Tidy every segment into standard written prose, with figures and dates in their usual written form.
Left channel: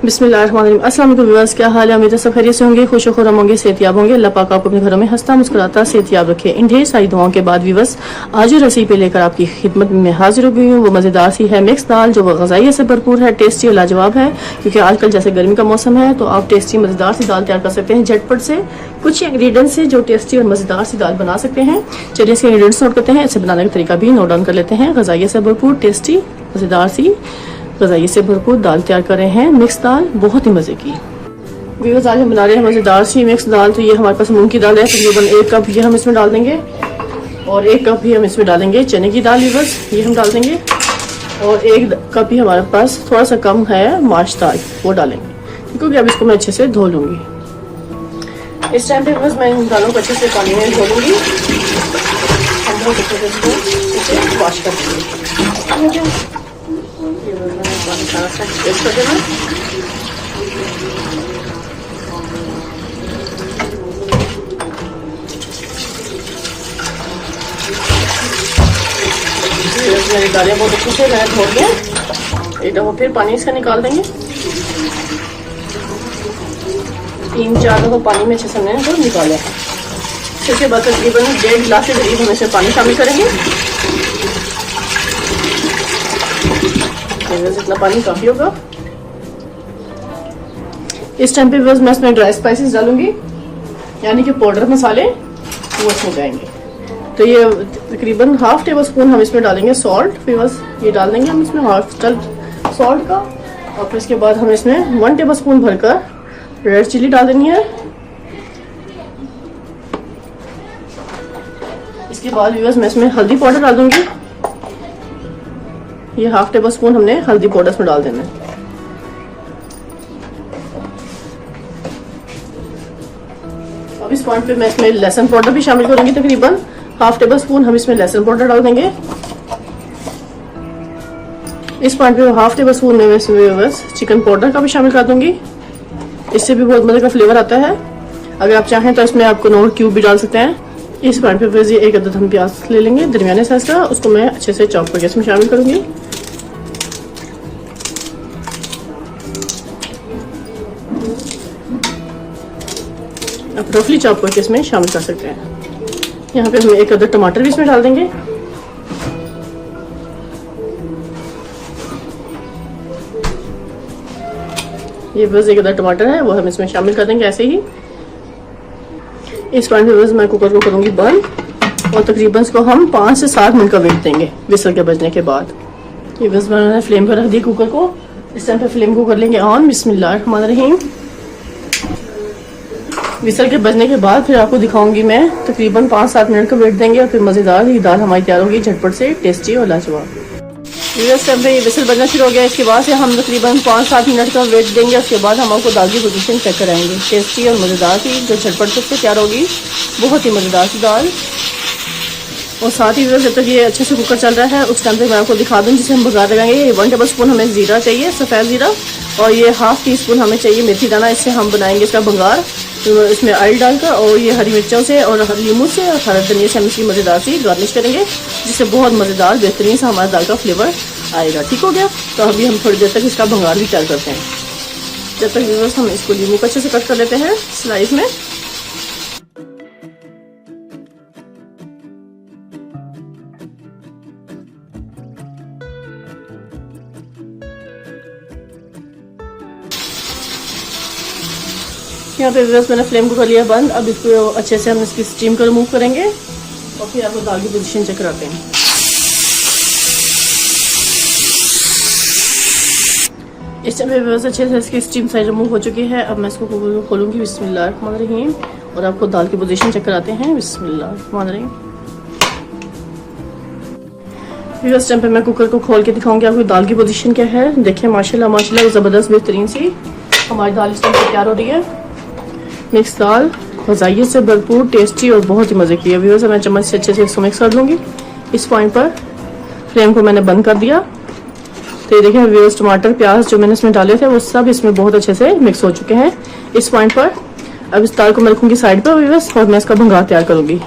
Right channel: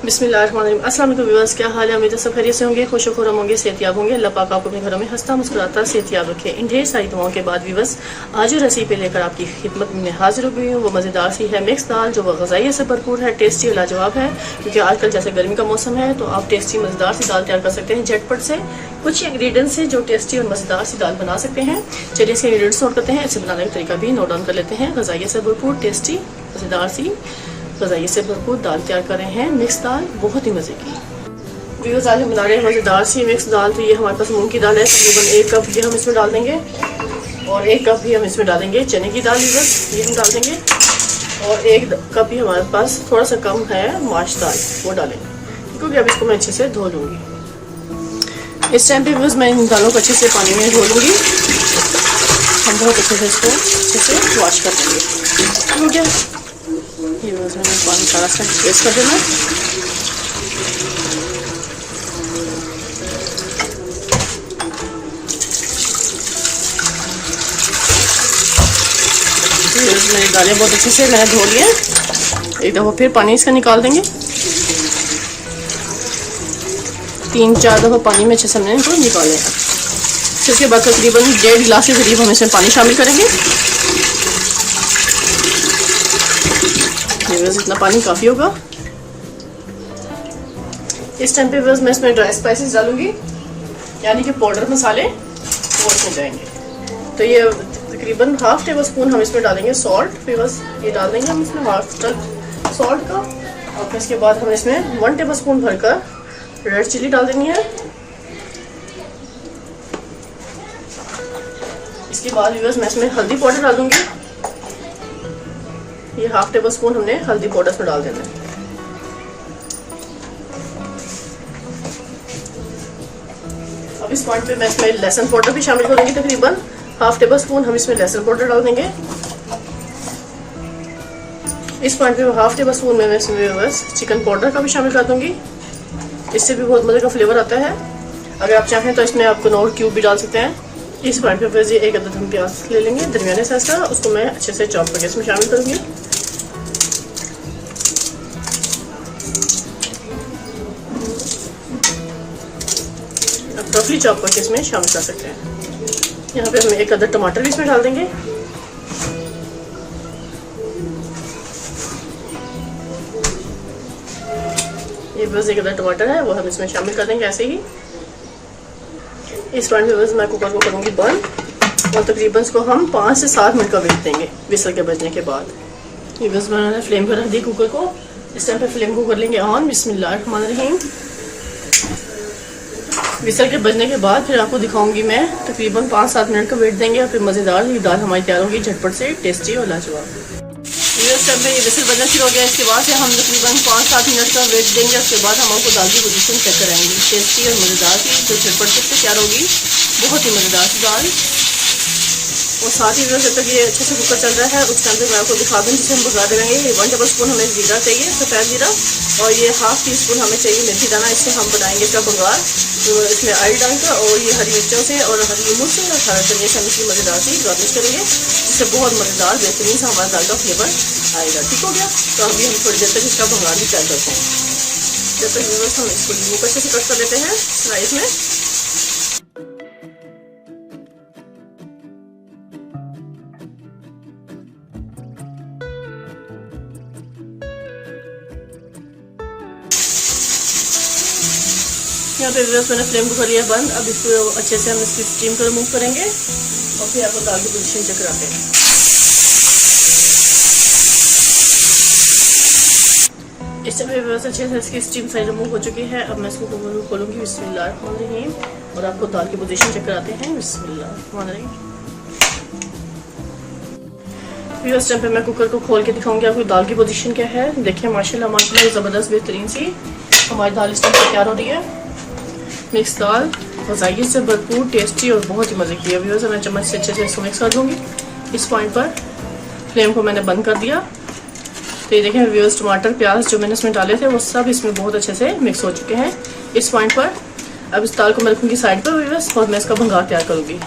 बिस्मिल्लाहिर्रहमानिर्रहीम। अस्सलाम वालेकुम व्यूअर्स, क्या हाल है? उम्मीद है सब खैरियत से होंगे, खुश खुरम होंगे, सेहतियाब होंगे। अल्लाह पाक आपको अपने घरों में हंसता मुस्कुराता सेहतियाब रखे। इन ढेर सारी दुआओं के बाद व्यूअर्स, आज जो रेसिपी लेकर आपकी खिदमत में हाजिर हो गई हूँ वो मज़ेदार सी है मिक्स दाल, जो ग़िज़ाइयत से भरपूर है, टेस्टी और लाजवाब है। क्योंकि आजकल जैसे गर्मी का मौसम है तो आप टेस्टी मज़ेदार सी दाल तैयार कर सकते हैं झटपट से, कुछ इंग्रेडिएंट्स से जो टेस्टी और मज़ेदार सी दाल बना सकते हैं। चलिए इसके इंग्रेडिएंट्स नोट करते हैं, इसे बनाने का तरीका भी नोट डाउन कर लेते हैं। ग़िज़ाइयत से भरपूर टेस्टी मज़ेदार सी ग़िज़ाइयत से भरपूर दाल तैयार कर रहे हैं, मिक्स दाल, बहुत ही मज़े की। व्यूअर्स, आज हम बना रहे हैं मज़ेदार सी मिक्स दाल। तो ये हमारे पास मूंग की दाल है, तकरीबन 1 कप ये हम इसमें डाल देंगे, और 1 कप ही हम इसमें डालेंगे चने की दाल। व्यूअर्स, ये हम डाल देंगे, और 1 कप ही हमारे पास थोड़ा सा कम है माश दाल, वो डालेंगे क्योंकि अब इसको मैं अच्छे से धो लूँगी। इस टाइम पे बस मैं इन दालों को अच्छे से पानी में धो लूँगी, हम बहुत अच्छे से इसको अच्छे से वॉश कर देंगे। सारा सा पेस्ट कर देना। मेरी दालें बहुत अच्छे से मैंने धो लिया, एक दफ़ा फिर पानी इसका निकाल देंगे। 3-4 दफ़ा पानी में अच्छे से हमने इसको निकाला है। इसके बाद तकरीबन 1.5 गिलास के करीब हम इसमें पानी शामिल करेंगे। इतना पानी काफ़ी होगा। इस टाइम पे बस मैं इसमें ड्राई स्पाइसेस डालूंगी, यानी कि पाउडर मसाले, वो इसमें जाएंगे। तो ये तकरीबन 1/2 टेबल स्पून हम इसमें डालेंगे सॉल्ट। फिर बस ये डाल देंगे हम इसमें 1/2 सॉल्ट का, और फिर इसके बाद हम इसमें 1 टेबल स्पून भरकर रेड चिली डाल देनी है। इसके बाद बस मैं इसमें हल्दी पाउडर डाल दूंगी, ये 1/2 टेबल स्पून हमने हल्दी पाउडर में डाल देना है। अब इस पॉइंट पे मैं इसमें लहसुन पाउडर भी शामिल करूंगी, तकरीबन 1/2 टेबल स्पून हम इसमें लहसुन पाउडर डाल देंगे। इस पॉइंट पे 1/2 टेबल स्पून में इसमें बस चिकन पाउडर का भी शामिल कर दूंगी, इससे भी बहुत मजे का फ्लेवर आता है। अगर आप चाहें तो इसमें आप कनौर क्यूब भी डाल सकते हैं। इस पॉइंट पे फिर 1 अदद हम प्याज ले लेंगे दरमियाने साइज का, उसको मैं अच्छे से चॉप करके इसमें शामिल करूंगी। आप रफली चॉप करके इसमें शामिल कर सकते हैं। यहाँ पे हम 1 अदद टमाटर भी इसमें डाल देंगे। ये बस 1 अदद टमाटर है, वो हम इसमें शामिल कर देंगे ऐसे ही। इस पॉइंट पे बस मैं कुकर को करूंगी बंद, और तकरीबन इसको हम 5 से 7 मिनट का वेट देंगे विसल के बजने के बाद। ये बस मैंने फ्लेम पर रख दी कुकर को। इस टाइम पे फ्लेम को कर लेंगे ऑन। बिस्मिल्लाहिर्रहमानिर्रहीम। विसल के बजने के बाद फिर आपको दिखाऊंगी मैं, तकरीबन 5-7 मिनट का वेट देंगे, और फिर मज़ेदार ये दाल हमारी तैयार होगी, झटपट से टेस्टी और लाजवाब। इस टाइम पे विसल बजना शुरू हो गया। इसके बाद से हम तकरीबन 5-7 मिनट का वेट देंगे। उसके बाद हम आपको दाल की पोजीशन चेक कराएंगे, टेस्टी और मज़ेदार सी जो झटपट से तैयार होगी, बहुत ही मज़ेदार सी दाल। और साथ ही जब तक ये अच्छे से कुकर चल रहा है उस टाइम पे मैं आपको दिखा दूँ जिसे हम भगा लगाएंगे। ये 1 टेबल स्पून हमें जीरा चाहिए, सफ़ेद जीरा, और ये 1/2 टीस्पून हमें चाहिए मेथी दाना। इससे हम बनाएंगे इसका भंगार। तो इसमें ऑयल डालकर और ये हरी मिर्चों से और हरी मिर्च से और हरा धनिया से हम इसकी मज़ेदार सी गार्निश करेंगे, जिससे बहुत मज़ेदार बेहतरीन सा हमारा दाल का फ्लेवर आएगा। ठीक हो गया? तो अभी हम थोड़ी देर तक इसका भंगार भी तैयार करते हैं। जब तक हम इसको नींबू को अच्छे से कट कर लेते हैं स्लाइस में। यहाँ पे बस मैंने फ्लेम को कर लिया बंद। अब इसको अच्छे से हम इसकी स्टीम को रिमूव करेंगे, और फिर आपको दाल की पोजीशन चेक कराते हैं। इस टाइम पे बस अच्छे से इसकी स्टीम साइड रिमूव हो चुकी है। अब मैं इसको खोलूंगी बिस्मिल्लाहिर्रहमानिर्रहीम, और आपको दाल की पोजीशन चेक कराते हैं। बिस्मिल्लाहिर्रहमानिर्रहीम। फिर इस टाइम पे मैं कुकर को खोल के दिखाऊंगी आपको दाल की पोजीशन क्या है। देखिए माशाल्लाह माशाल्लाह ज़बरदस्त बेहतरीन सी हमारी दाल इस टाइम पे तैयार हो रही है। मिक्स दाल ग़िज़ाइयत से भरपूर, टेस्टी और बहुत ही मज़े की है। व्यूअर्स, मैं चम्मच से अच्छे से इसको मिक्स कर दूँगी। इस पॉइंट पर फ्लेम को मैंने बंद कर दिया। तो ये देखें व्यूअर्स, टमाटर प्याज जो मैंने इसमें डाले थे वो सब इसमें बहुत अच्छे से मिक्स हो चुके हैं। इस पॉइंट पर अब इस दाल को मैं रखूँगी साइड पर व्यूअर्स, और मैं इसका भंगार तैयार करूँगी।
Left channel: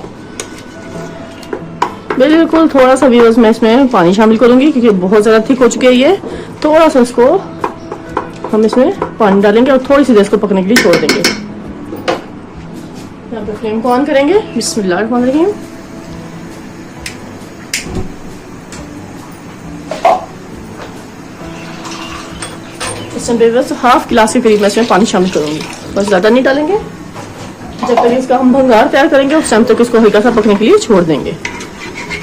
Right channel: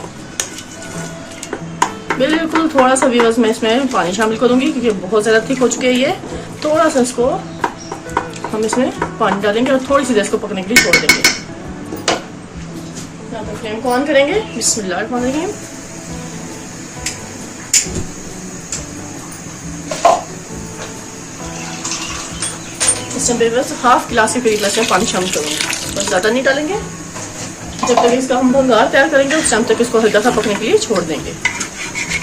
बिल्कुल थोड़ा सा मैं इसमें पानी शामिल करूँगी क्योंकि बहुत ज़्यादा थिक हो चुकी है ये। थोड़ा सा इसको हम इसमें पानी डालेंगे और थोड़ी सी देर इसको पकने के लिए छोड़ देंगे। यहाँ पर फ्लेम को ऑन करेंगे। बिस्मिल्लाह रहमान रहीम। इस टाइम पे बस हाफ गिलास के करीब मैं इसमें पानी शामिल करूँगी, बस ज़्यादा नहीं डालेंगे। जब तक इसका हम भंगार तैयार करेंगे उस टाइम तक इसको हल्का सा पकने के लिए छोड़ देंगे।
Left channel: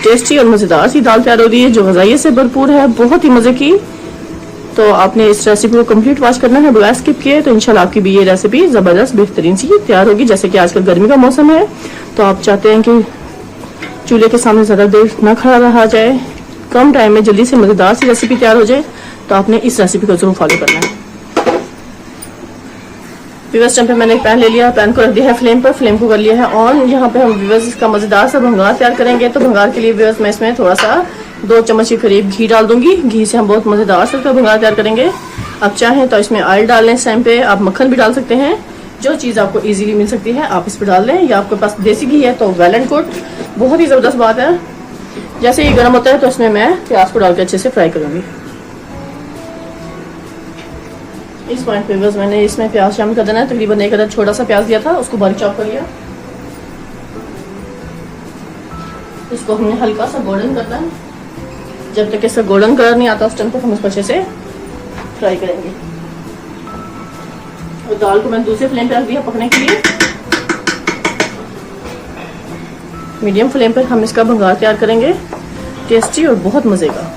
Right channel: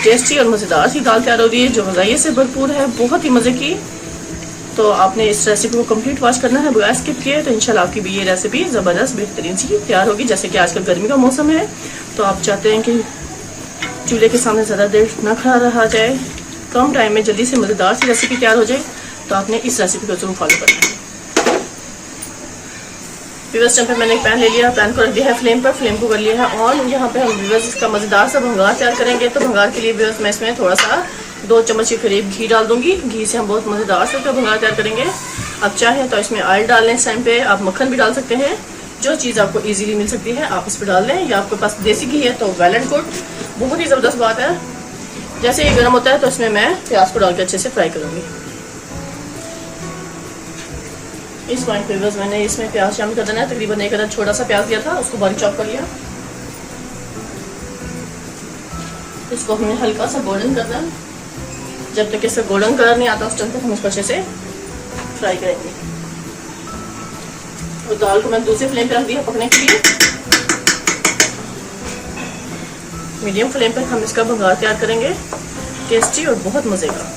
टेस्टी और मज़ेदार सी दाल तैयार हो रही है जो ग़ज़ाइयत से भरपूर है, बहुत ही मज़े की। तो आपने इस रेसिपी को कंप्लीट वॉच करना है, बगैर स्किप किए। तो इंशाल्लाह आपकी भी ये रेसिपी ज़बरदस्त बेहतरीन सी तैयार होगी। जैसे कि आजकल गर्मी का मौसम है तो आप चाहते हैं कि चूल्हे के सामने ज़्यादा देर ना खड़ा रहा जाए, कम टाइम में जल्दी से मज़ेदार सी रेसिपी तैयार हो जाए, तो आपने इस रेसिपी को जरूर फॉलो करना है। व्यूअर्स टाइम पे मैंने एक पैन ले लिया, पैन को रख दिया है फ्लेम पर, फ्लेम को कर लिया है ऑन। यहाँ पे हम व्यूअर्स इसका मज़ेदार सा भंगार तैयार करेंगे। तो भंगार के लिए व्यूअर्स मैं इसमें थोड़ा सा 2 चम्मच के करीब घी डाल दूंगी। घी से हम बहुत मज़ेदार से इसका भंगार तैयार करेंगे। आप चाहें तो इसमें ऑयल डाल लें, इस टाइम पे आप मक्खन भी डाल सकते हैं। जो चीज़ आपको इजीली मिल सकती है आप इस पर डाल लें, या आपके पास देसी घी है तो वेल एंड गुड, बहुत ही ज़बरदस्त बात है। जैसे ये गर्म होता है तो उसमें मैं प्याज को डाल के अच्छे से फ्राई करूँगी। इस पॉइंट पे बस मैंने इसमें प्याज शामिल कर देना है। तकरीबन 1 अदद छोटा सा प्याज दिया था, उसको बारीक चॉप कर लिया। इसको हमने हल्का सा गोल्डन करना है। जब तक इसका गोल्डन कलर नहीं आता उस टाइम तक हम इसको अच्छे से फ्राई करेंगे। और दाल को मैंने दूसरे फ्लेम पे रख दिया पकने के लिए। मीडियम फ्लेम पर हम इसका भंगार तैयार करेंगे, टेस्टी और बहुत मजे का।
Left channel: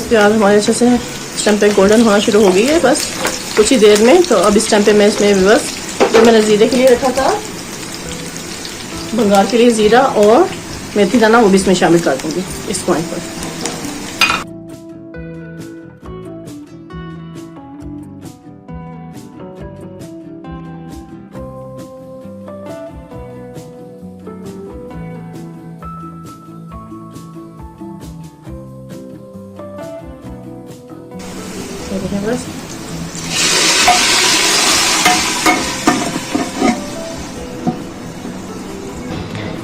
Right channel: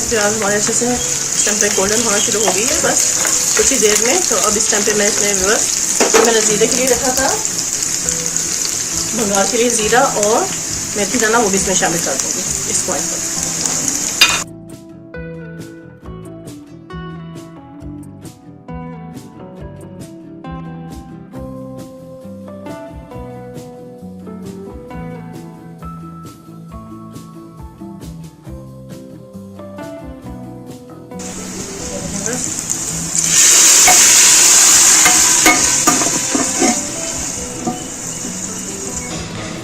प्याज हमारे अच्छे से इस टाइम पे गोल्डन होना शुरू हो गई है, बस कुछ ही देर में। तो अब इस टाइम पे मैं इसमें व्यूअर्स जो मैंने जीरे के लिए रखा था, भंगार के लिए जीरा और मेथी दाना, वो भी इसमें शामिल कर दूंगी इस पॉइंट पर।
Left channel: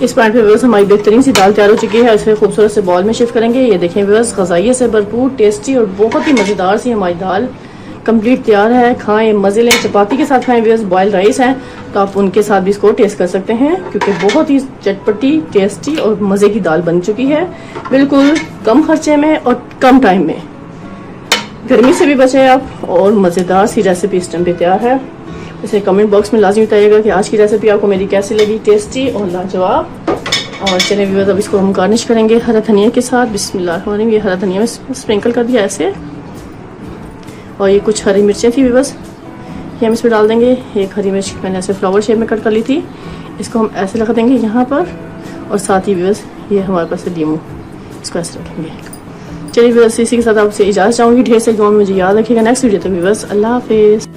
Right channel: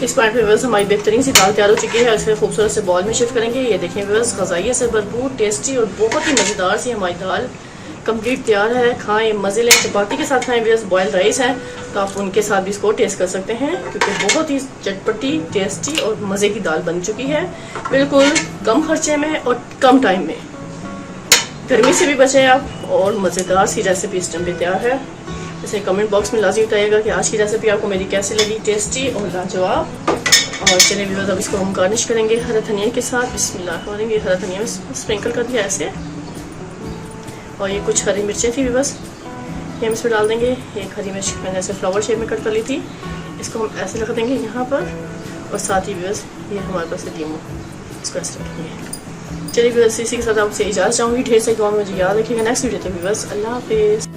इस पॉइंट पे व्यूअर्स हमारी बेहतरीन सी दाल तैयार हो चुकी है। इसे खूबसूरत से बॉल में शिफ्ट करेंगे। ये देखें व्यूअर्स, ग़ज़ाइयत से भरपूर, टेस्टी और बहुत ही मज़ेदार सी हमारी दाल कंप्लीट तैयार है। खाएं, मज़े लें, चपाती के साथ खाएं व्यूअर्स। बॉयल राइस हैं तो आप उनके साथ भी इसको टेस्ट कर सकते हैं, क्योंकि बहुत ही चटपटी, टेस्टी और मज़े की दाल बन चुकी है, बिल्कुल कम खर्चे में और कम टाइम में। गर्मी से भी बचे आप, और मज़ेदार सी रेसिपी इस टाइम पे तैयार है। इसे कमेंट बॉक्स में लाजमी बताइएगा कि आज की रेसिपी आपको मेरी कैसी लगी, टेस्टी और लाजवाब। और चलिए व्यूअर्स अब इसको हम गार्निश करेंगे हरा धनिया के साथ। बिस्मिल्लाह। ये हरा धनिया में स्प्रिंकल कर दिया ऐसे, और ये कुछ हरी मिर्चें थी व्यूअर्स, ये हम इसमें डाल देंगे। एक हरी मिर्च मैंने ऐसे फ्लावर शेप में कट कर ली थी, इसको हम ऐसे लगा देंगे यहाँ पर। और साथ ही व्यूअर्स ये हमारे पास लीमू, इसको ऐसे रखेंगे। चलिए व्यूअर्स इसी के साथ आपसे इजाज़त चाहूँगी। ढेर से दुआ में मुझे याद रखिएगा। नेक्स्ट वीडियो तक व्यूअर्स अल्लाह हाफिज़।